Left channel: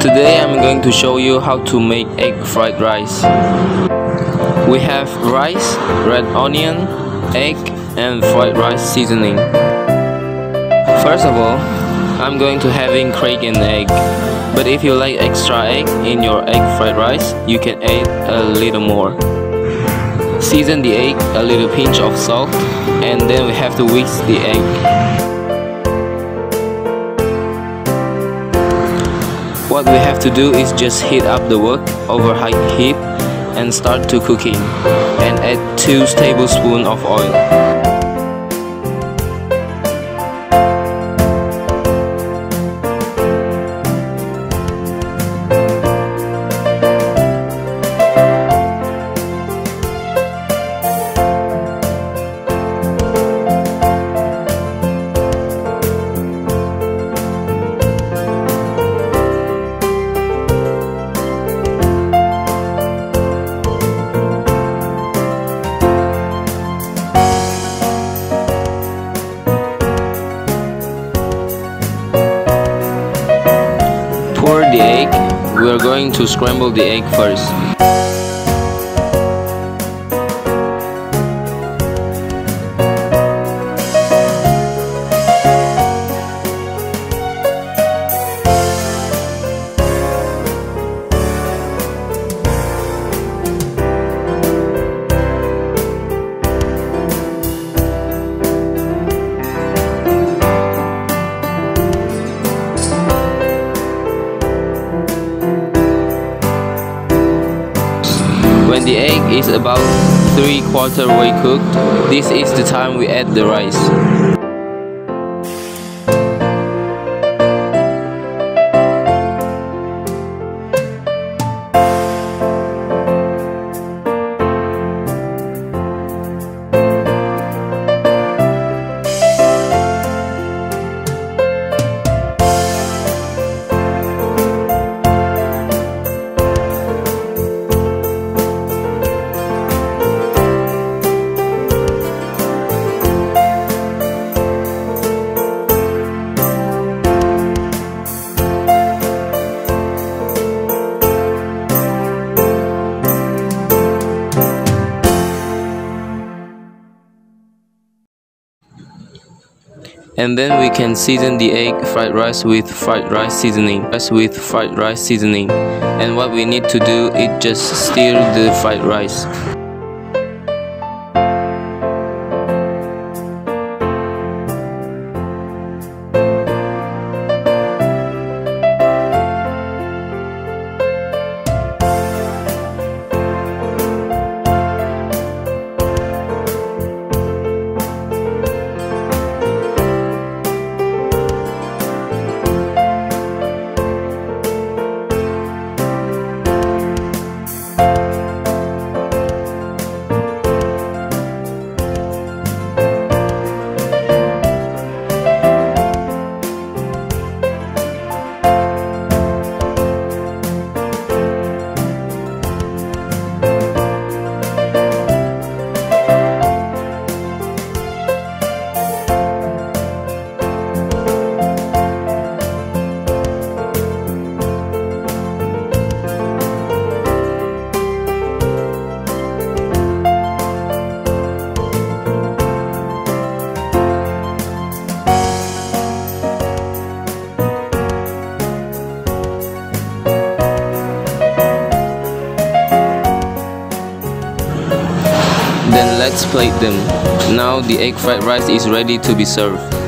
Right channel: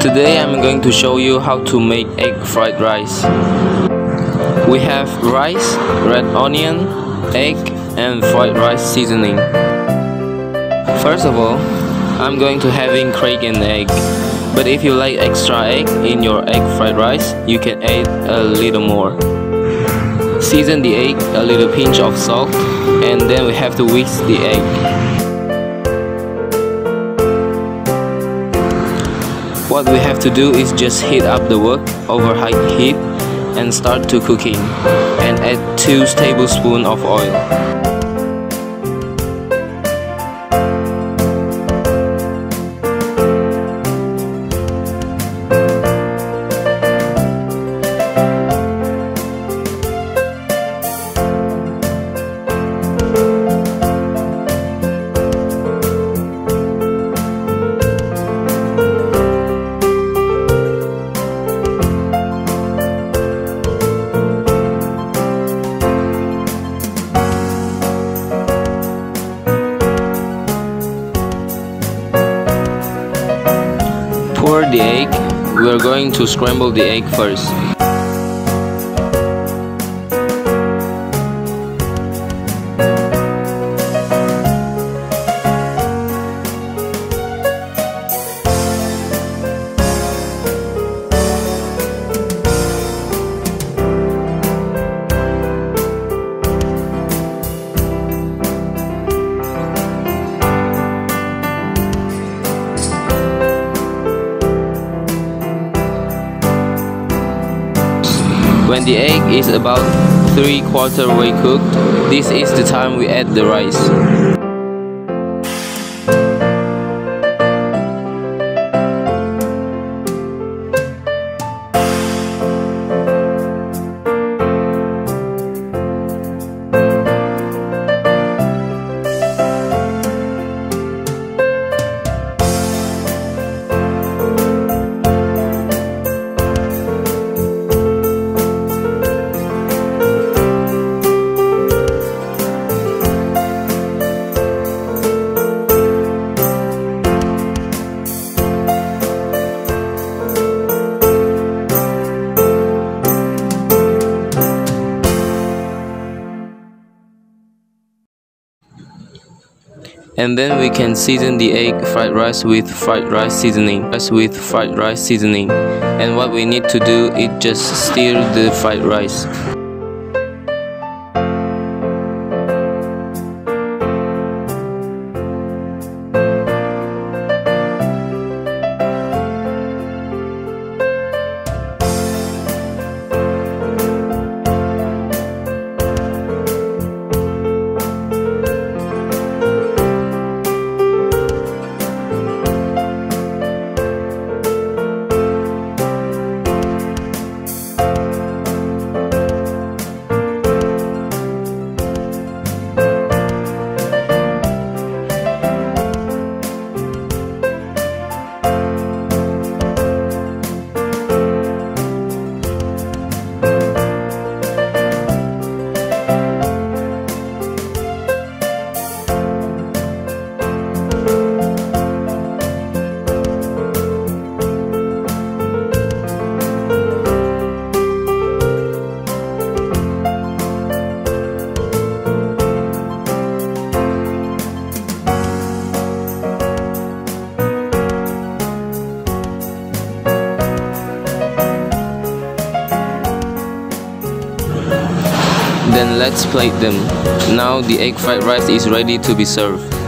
Today I'm going to show you how to make egg fried rice. We have rice, red onion, egg, and fried rice seasoning. First of all, I'm going to having crack an egg. But if you like extra egg in your egg fried rice, you can add a little more. Season the egg, a little pinch of salt, and then we have to whisk the egg. What we have to do is just heat up the wok over high heat and start to cooking, and add 2 tablespoons of oil. Pour the egg. We are going to scramble the egg first. When the egg is about 3/4 way cooked, this is the time we add the rice. And then we can season the egg fried rice with fried rice seasoning. And what we need to do is just stir the fried rice. Then let's plate them. Now the egg fried rice is ready to be served.